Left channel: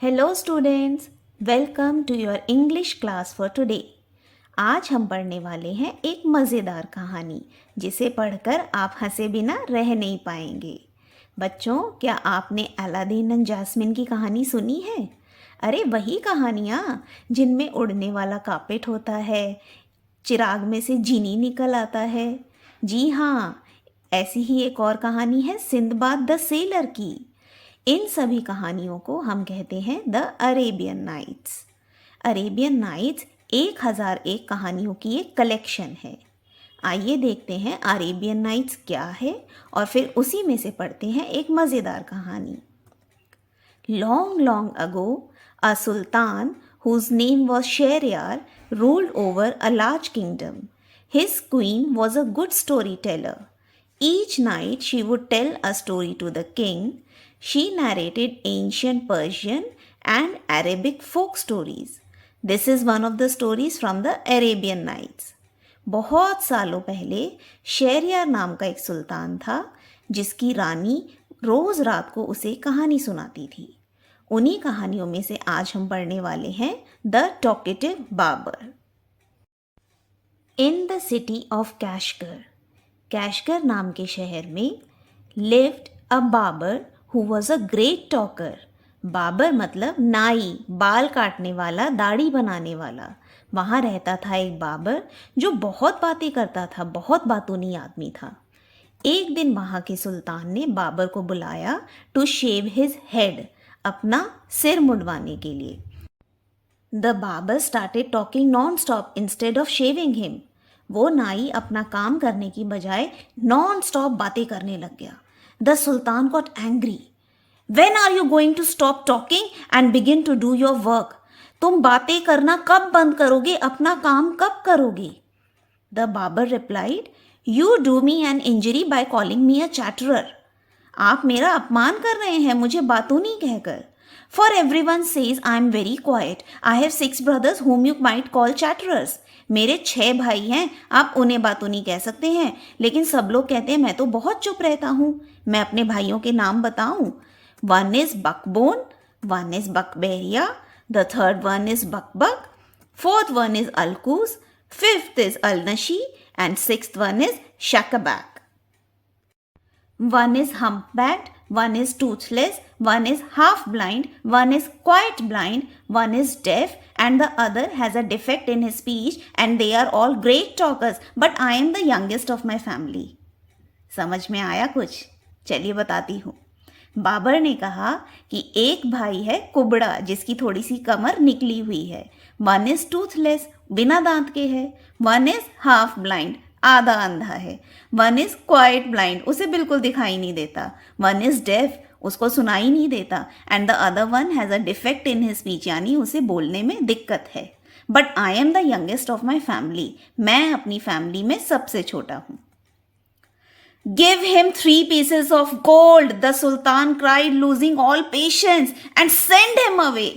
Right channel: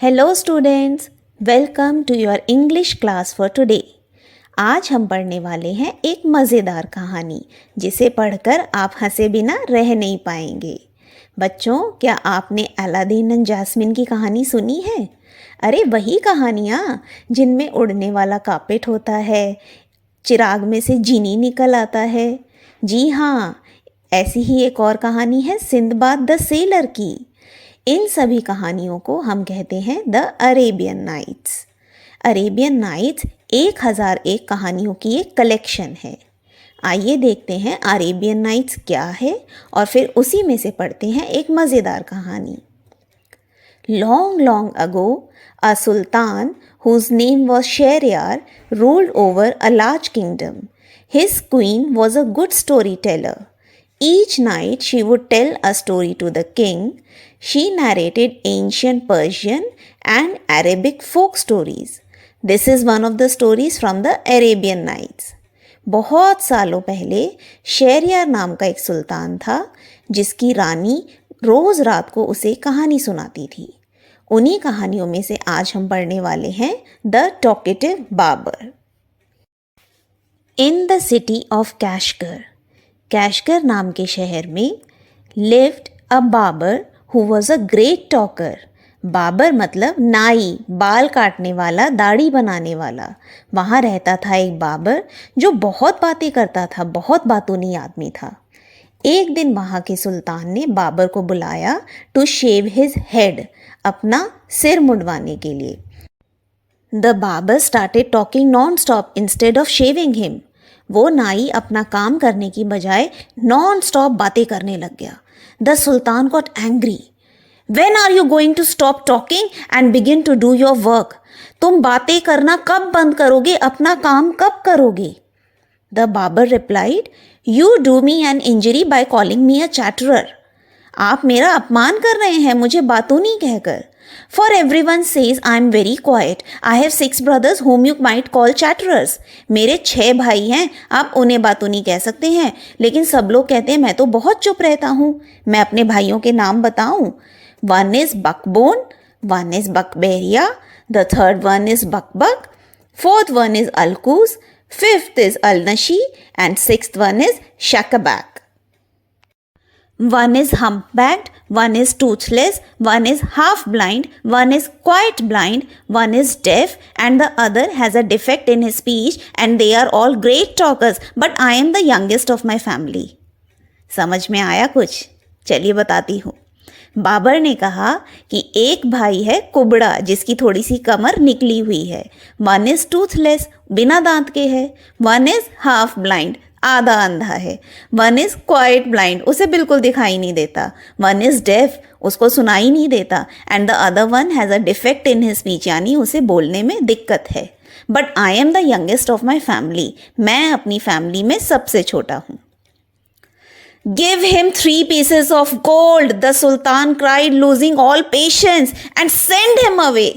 Hello students, welcome to your English class for today. आज हम पढ़ने वाले हैं एक मज़ेदार कहानी जिसे पढ़कर आप हंसे बिना रह नहीं पाएंगे। बच्चों, क्या आपने अलादीन एंड जैस्मिन की कहानी सुनी है? अरे वही कहानियाँ जिनमें उड़ने वाला कार्पेट होता है, चिराग में से जीनी निकल आता है। जी हाँ, ऐसी ही एक और कहानी है सिंदबाद द सेलर की। इन सभी कहानियों को हम कहते हैं the Arabian Nights. Arabian Nights 1001 कहानियों की एक कलेक्शन है। आइए देखते हैं अरेबियन नाइट्स क्या है और फिर उसी में से पढ़ते हैं एक मज़ेदार कहानी। Long, long ago, a sultan whose name was Shahryar ruled over a large kingdom. His queen was a good storyteller. Each night she would tell a story to the king. She narrated ancient Persian and Arabic folk stories. This is one of the stories from the Arabian Nights. बहुत सालों पहले शहरयार नाम का एक सुल्तान था जिसकी रानी रोज़ रात को उसे कहानी सुनाती थी। उन्हीं कहानियों में से आज हम पढ़ने वाले हैं the talkative barber. In the city of Kashgar, Kashgar नाम के शहर में lived a barber who was a great talker. Barber मतलब नाई, बाल काटने वाला, दाढ़ी बनाने वाला। वहाँ रहता था एक बाबर जो बहुत बातें करता था, बहुत बातूनी आदमी था। एक दिन वहाँ के सुल्तान ने बाबर को बुलाया टू शेव हिज हेड, अपना सिर मुंडवाने के लिए। The barber started talking non stop instead of shaving him. वो नाई अपना काम करने की बजाय नॉन स्टॉप बातें करने लग गया। The sultan got angry. When are you going to stop talking and begin to do your work? तुम बातें करना कब बंद करोगे, अपना काम कब करोगे? The barber replied, you do me an injury by calling me a chatterer. आप मेरा अपमान कर रहे हैं मुझे बातूनी कहकर। For everyone says I am very quiet, I have 6 brothers whom you might call chatterers. मेरे 6 भाई हैं, आप उन्हें बातूनी कह सकते हैं, लेकिन सब लोग कहते हैं मैं तो बहुत चुप रहता हूँ। मैं अपने भाइयों के नाम बताऊँ? One is Bakbon, one is Bakbaria, the third one is Bakbak, fourth one is Alkus, fifth is Alnashi and sixth one is Shakbak. One is humpbacked, one is toothless, one is half blind, one is quite blind, one is deaf, and the other has a defect in his speech, and they are all great talkers, but I am the youngest of my family. समझ में आया कुछ? चलिए बताती हूँ। बाबर ने कहा कि एक भाई है कुबड़ा जिसकी थोड़ी सी कमर निकली हुई है, वन इज टूथलेस, बिना दांत के है, वन इज हाफ ब्लाइंड, आधा अंधा है, वन इज क्वाइट ब्लाइंड, उसे बिल्कुल दिखाई नहीं देता, वन इज डेफ, उसको सुनाई नहीं देता, and the other one has a defect in his speech, यानी उसे बोलने में दिक्कत है। But I am the youngest of my family, मैं अपनी फैमिली में सबसे छोटा हूँ। Give him 3 pieces of gold, the Sultan cried, losing all patience, and send him away.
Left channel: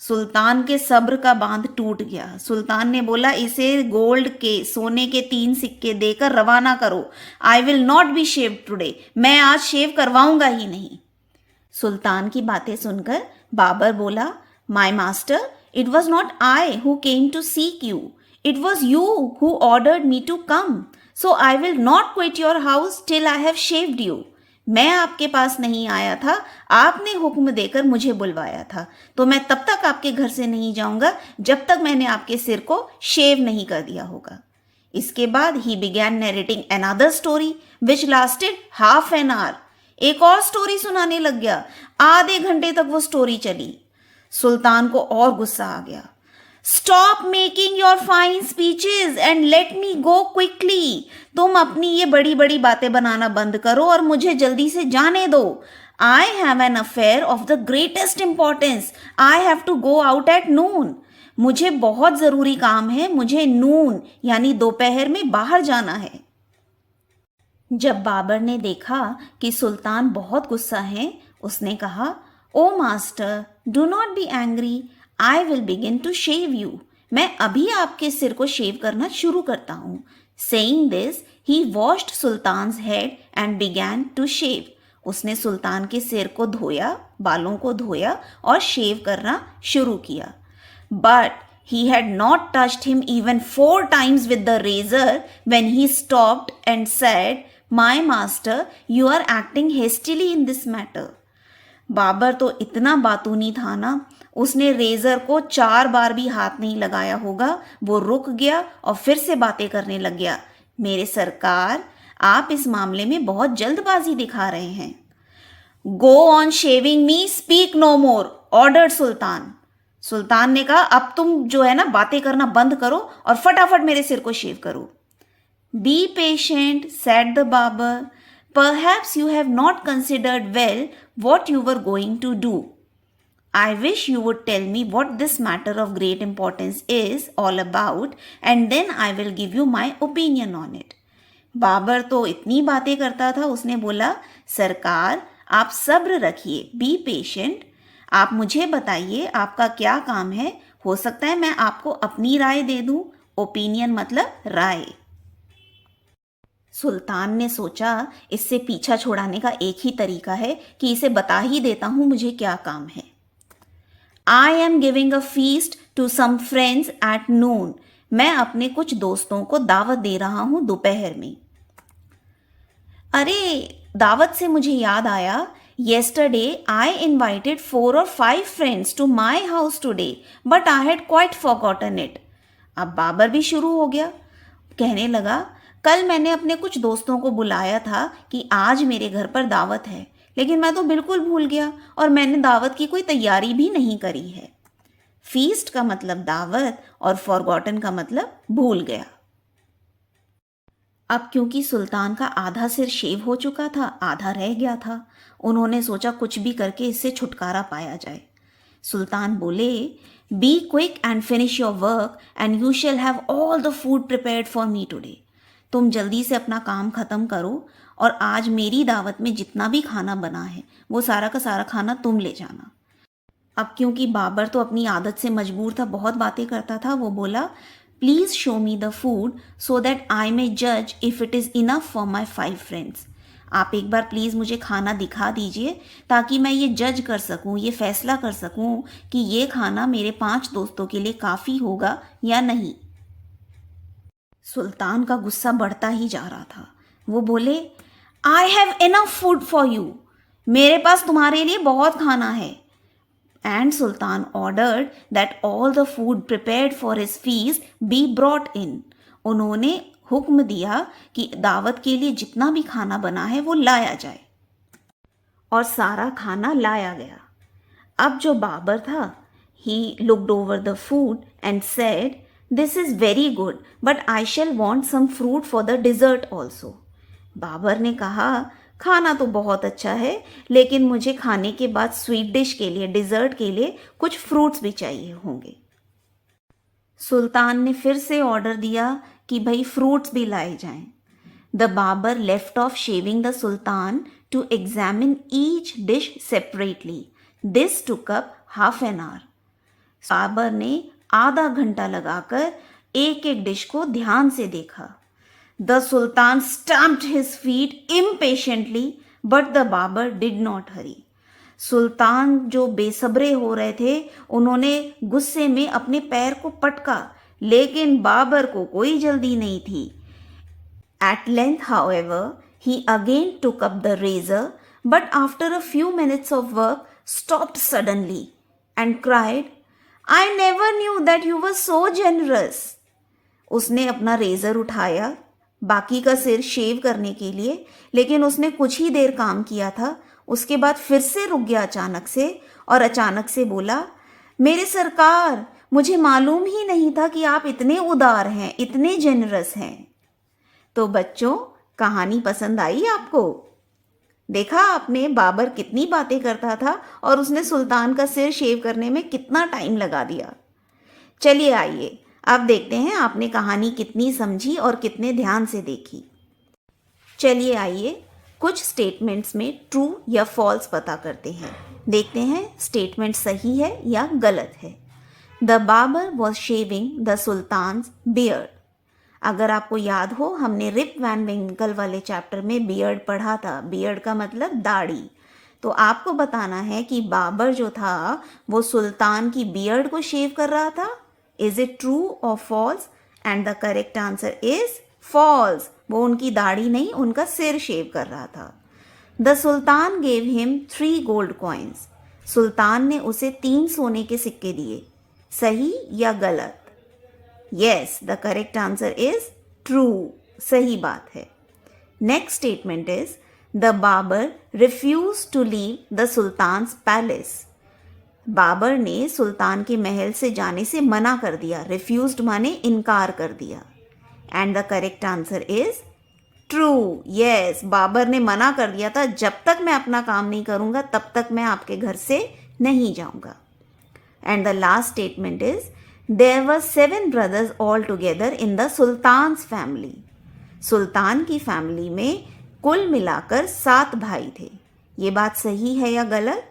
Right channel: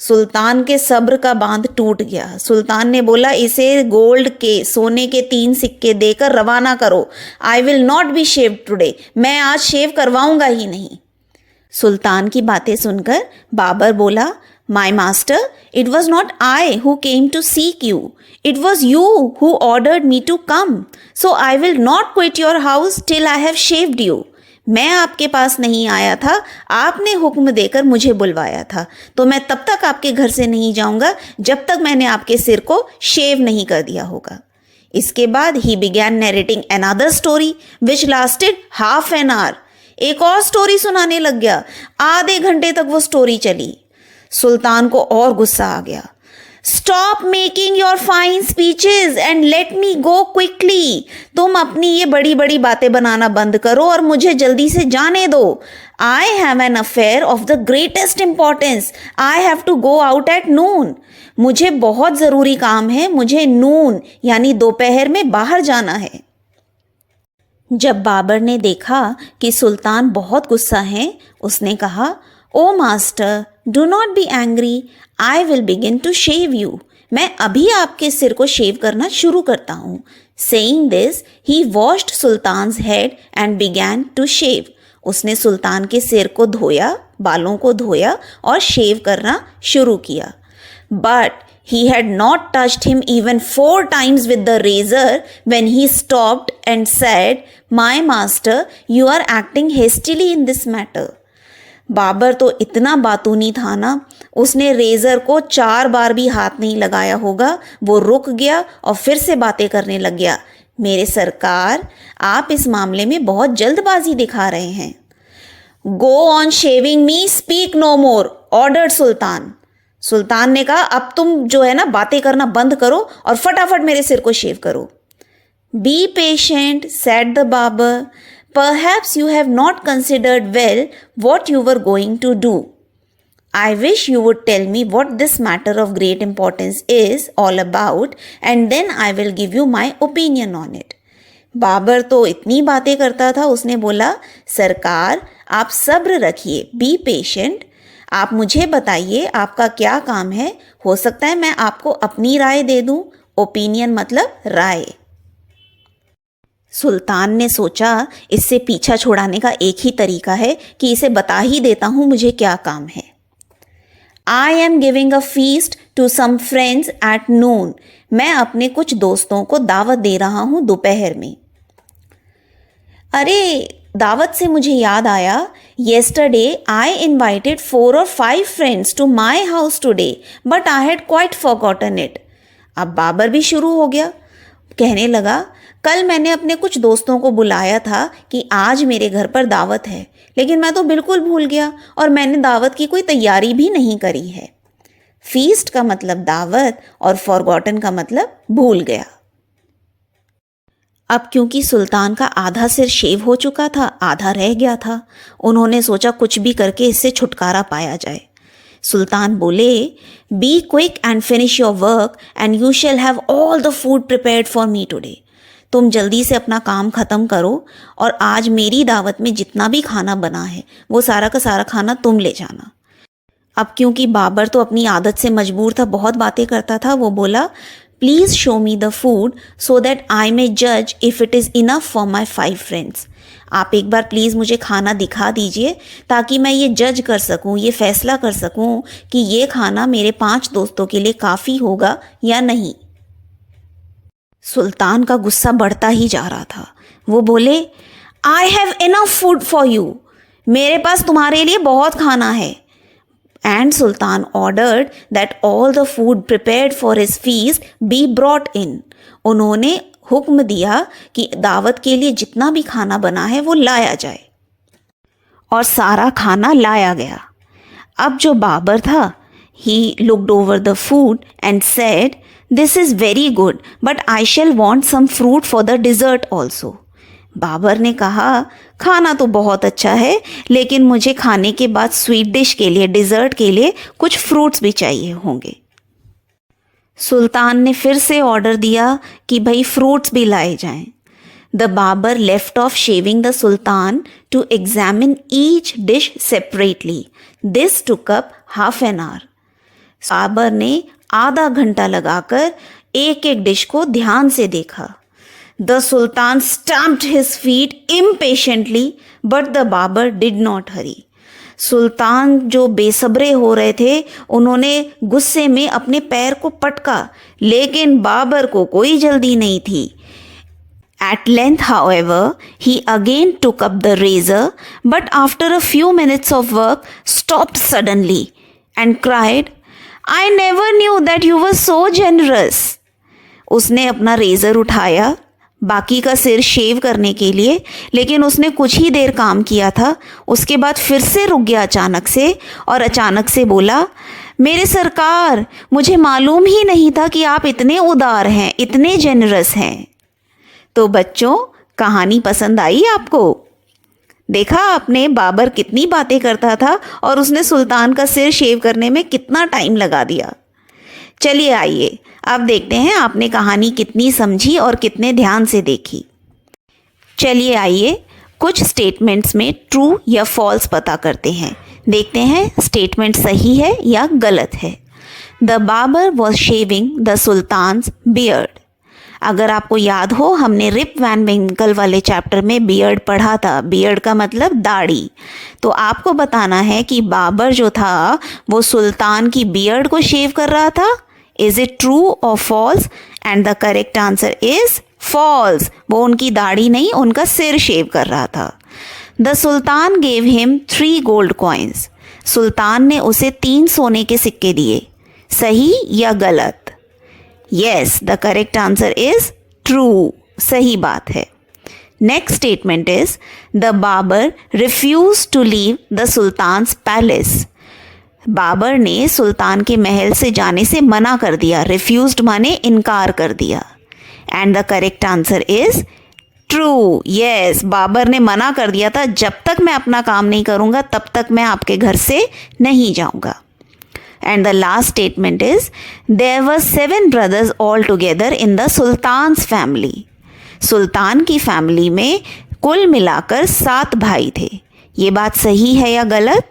सुल्तान के सब्र का बांध टूट गया। सुल्तान ने बोला इसे गोल्ड के, सोने के 3 सिक्के देकर रवाना करो। I will not be shave today, मैं आज शेव करवाऊंगा ही नहीं। सुल्तान की बातें सुनकर बाबर बोला, my master, it was not I who came to seek you, it was you who ordered me to come, so I will not quit your house till I have shaved you. मैं आपके पास नहीं आया था, आपने हुक्म देकर मुझे बुलवाया था, तो मैं तब तक आपके घर से नहीं जाऊंगा जब तक मैंने आपके सिर को शेव नहीं कर दिया होगा। इसके बाद he began narrating another story which lasted half an our. एक और स्टोरी सुनाने लग गया। आधे घंटे तक वो स्टोरी चली। सुल्तान को और गुस्सा आ गया। Stop making your fine speeches and let me go quickly. तुम अपनी ये बड़ी बड़ी बातें बनाना बंद करो और मुझे जल्दी से जाने दो। I have an affair of the greatest importance, I have to go out at noon. मुझे बहुत ज़रूरी काम है, मुझे नून यानी दोपहर में बाहर जाना है। जब बाबर ने देखा कि सुल्तान बहुत गुस्सा है, उसने कहा, O master, do not be angry, I will begin to shave you. मैं अभी आपके सिर को शेव करना शुरू करता हूँ। Saying this he washed sultan's head and began to shave. उसने सुल्तान के सिर को धोया बालों को धोया और शेव करना शुरू किया। But he had not touched him even 4 times with the razor when he stopped and said, "My master, you are acting hastily in this matter." Barber तो इतना बातूनी था ना, उसने रेज़र को 4 बार भी हाथ नहीं लगाया होगा। वो रुक गया और फिर से बातें करने लग गया। मेरे सरकार, आप इस मामले में बहुत जल्दबाजी दिखा रहे हैं। Go on shaving me, speak no more, ordered sultan. सुल्तान ने कहा, अब तुम जो है ना बातें करना बंद करो और फटाफट मेरे सिर को शेव करो। Be patient, said the barber, perhaps you have not considered well what you were going to do. I wish you would tell me what this matter of great importance is all about and then I will give you my opinion on it. Barber तो इतनी बातें करता था, उसने बोला, सरकार आप सब्र रखिए, बी पेशेंट, आप मुझे बताइए आपका क्या काम है, हो सकता है मैं आपको अपनी राय दे दूं। ओपिनियन मतलब राय। सुल्तान ने सोचा इससे पीछा छुड़ाने का एक ही तरीका है कि इसे बता ही देता हूं मुझे क्या काम है। I am giving a feast to some friends at noon. मैं अपने कुछ दोस्तों को दावत दे रहा हूं दोपहर में। अरे, दावत से मुझे याद आया, yesterday I invited 4 or 5 friends to my house today, but I had quite forgotten it. अब बाबर भी शुरू हो गया, कहने लगा, कल मैंने अपने कुछ दोस्तों को बुलाया था कि आज मेरे घर पर दावत है, लेकिन मैं तो बिल्कुल भूल गया और मैंने दावत की कोई तैयारी भी नहीं करी है। फीस्ट का मतलब दावत और फॉरगॉटन का मतलब भूल गया। अब क्योंकि सुल्तान का आधा सिर शेव हो चुका था, आधा रह गया था, उन्होंने सोचा कुछ भी करके इससे छुटकारा पाया जाए। सुल्तान बोले, be quick and finish your work and you shall have all the food prepared for me today. तुम जल्दी से अपना काम ख़त्म करो और आज मेरी दावत में जितना भी खाना बना है वो सारा का सारा खाना तुम ले जाना। अब क्योंकि बाबर तो अपनी आदत से मजबूर था, बहुत बातें करता था, वो बोला, please show me the food so that I may जज if it is enough for my 5 friends. आप एक बार प्लीज़ मुझे खाना दिखा दीजिए ताकि मैं ये जज कर सकूं, ये फैसला कर सकूं कि ये खाना मेरे 5 दोस्तों के लिए काफ़ी होगा या नहीं। सुल्तान का गुस्सा बढ़ता ही जा रहा था। वो बोले, I have enough food for you, मेरे पास तुम्हारे लिए बहुत खाना है। And Sultan ordered that all the food prepared for his feast be brought in. उन्होंने हुक्म दिया कि दावत के लिए जितना भी खाना बना है वो लाया जाए, और सारा खाना लाया गया। अब जो बाबर था, he looked over the food and said, "This is very good, but I shall want some fruit for the dessert also." Babar ने कहा, खाना तो बहुत अच्छा है, लेकिन मुझे खाने के बाद स्वीट डिश के लिए, डिज़र्ट के लिए कुछ फ्रूट्स भी चाहिए होंगे। सुल्तान ने फिर से ऑर्डर दिया कि भाई फ्रूट्स भी लाए जाएं। The barber left off shaving the sultan to examine each dish separately. This took up half an hour. Barber ने आधा घंटा लगाकर एक एक डिश को ध्यान से देखा। The Sultan stamped his feet impatiently, but the Babar did not hurry. सुल्तान जो बेसब्रे हो रहे थे, उन्होंने गुस्से में अपने पैर को पटका, लेकिन बाबर को कोई जल्दी नहीं थी। At length, however, he again took up the razor, but after a few minutes of work, stopped suddenly and cried, "I never knew that you were so generous." उसने अपना रेज़र उठाया बाकी का सिर शेव करने के लिए, लेकिन उसने कुछ ही देर काम किया था, उसके बाद फिर से रुक गया अचानक से, और अचानक से बोला, मेरे सरकार, मुझे मालूम ही नहीं था कि आप इतने उदार हैं, इतने जेनरस हैं। तो बच्चों, कहानी पसंद आई आपको? देखा आपने बाबर कितनी बातें करता था और उसने सुल्तान का सिर शेव करने में कितना टाइम लगा दिया। चलिए आइए अब देखते हैं आपने कहानी कितनी समझी और कितने ध्यान से देखी। चलिए आइए कुछ स्टेटमेंट्स में ट्रू या फॉल्स पता करते हैं। देखते हैं स्टेटमेंट सही है या गलत है। The barber was shaving the sultan's beard. अगर आपको याद हो, हमने रिप वैन विंकल वाले चैप्टर में बियर्ड पढ़ा था। बियर्ड का मतलब दाढ़ी। तो आपको बताना है कि बाबर जो था वो सुल्तान की बियर्ड को शेव कर रहा था। इज इट ट्रू और false? And the correct answer is false. वो उनकी दाढ़ी नहीं, उनका सिर शेव कर रहा था। The sultan gave him 3 gold coins. सुल्तान ने उसे 3 सोने के सिक्के दिए। सही या गलत? Yes, the correct answer is true. सही बात है। Next statement is the barber refuse to leave the sultan's palace. Barber ने सुल्तान के महल से जाने से मना कर दिया। रिफ्यूज्ड माने इनकार कर दिया। And the correct answer is true. Yes, barber ने मना कर दिया था, जब तक मैं अपना काम नहीं करूंगा तब तक मैं आपके घर से नहीं जाऊंगा। And the last statement is there were 7 brothers all together in the sultan's family. सुल्तान की फैमिली में कुल मिलाकर 7 भाई थे। ये बात सही है या गलत?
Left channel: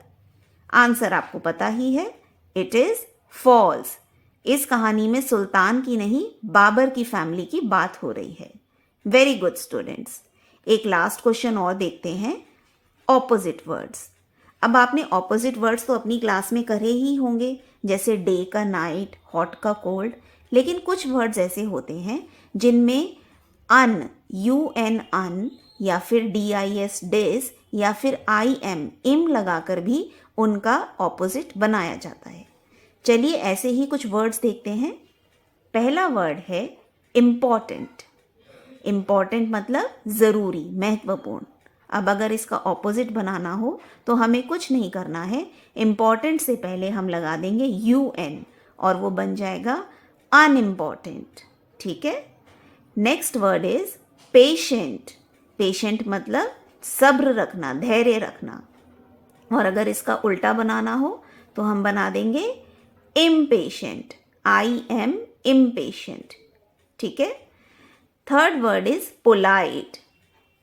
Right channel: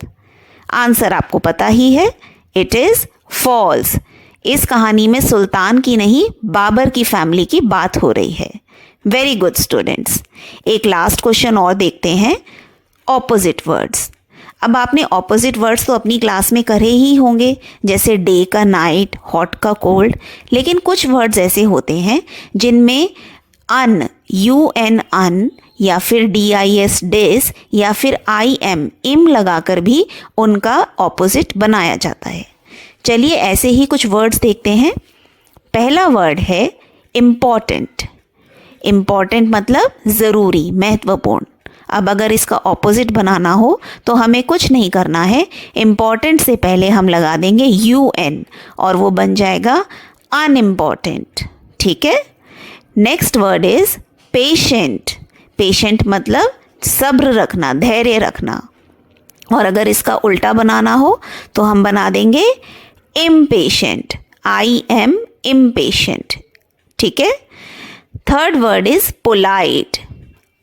आंसर आपको पता ही है, इट इज फॉल्स। इस कहानी में सुल्तान की नहीं, बाबर की फैमिली की बात हो रही है। Very good students. एक लास्ट क्वेश्चन और देखते हैं, ऑपोजिट वर्ड्स। अब आपने ऑपोजिट वर्ड्स तो अपनी क्लास में करे ही होंगे, जैसे डे का नाइट, हॉट का कोल्ड। लेकिन कुछ वर्ड्स ऐसे होते हैं जिनमें अन, UN अन, या फिर DIS डिस, या फिर IM इम लगाकर भी उनका ऑपोजिट बनाया जाता है। चलिए ऐसे ही कुछ वर्ड्स देखते हैं। पहला वर्ड है इम्पॉर्टेंट। इम्पॉर्टेंट मतलब ज़रूरी, महत्वपूर्ण। अब अगर इसका ऑपोजिट बनाना हो तो हमें कुछ नहीं करना है, इम्पॉर्टेंट से पहले हम लगा देंगे UN और वो बन जाएगा अनइम्पॉर्टेंट। ठीक है। Next word is patient. Patient मतलब सब्र रखना, धैर्य रखना। और अगर इसका उल्टा बनाना हो तो हम बना देंगे इम्पेशेंट, IM इम्पेशेंट। ठीक है। Third word is polite.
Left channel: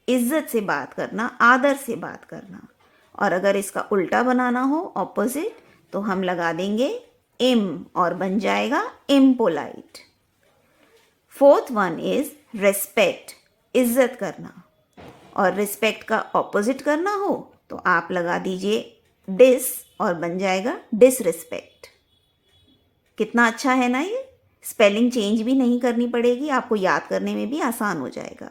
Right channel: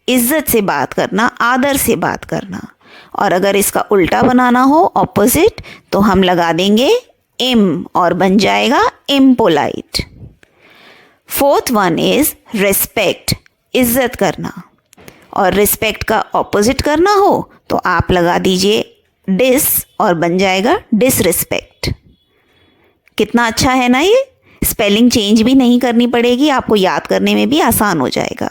इज्जत से बात करना, आदर से बात करना। और अगर इसका उल्टा बनाना हो, ऑपोजिट, तो हम लगा देंगे इम और बन जाएगा impolite. Fourth one is respect, इज्जत करना। और रिस्पेक्ट का ऑपोजिट करना हो तो आप लगा दीजिए डिस और बन जाएगा डिसरिस्पेक्ट। कितना अच्छा है ना ये? स्पेलिंग चेंज भी नहीं करनी पड़ेगी, आपको याद करने में भी आसान हो जाएगा।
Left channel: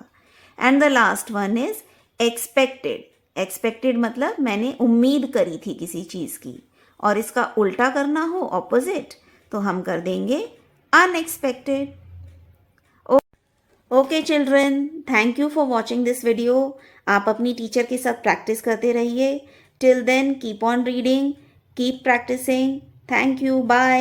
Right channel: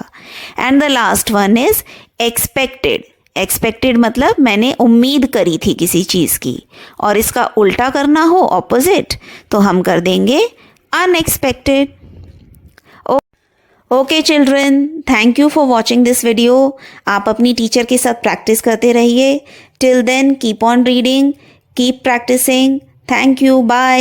And the last one is expected. Expected मतलब मैंने उम्मीद करी थी किसी चीज़ की। और इसका उल्टा करना हो, ऑपोजिट, तो हम कर देंगे unexpected. Okay children, thank you for watching this video. आप अपनी टीचर के साथ प्रैक्टिस करते रहिए। Till then keep on reading, keep practising. Thank you, bye.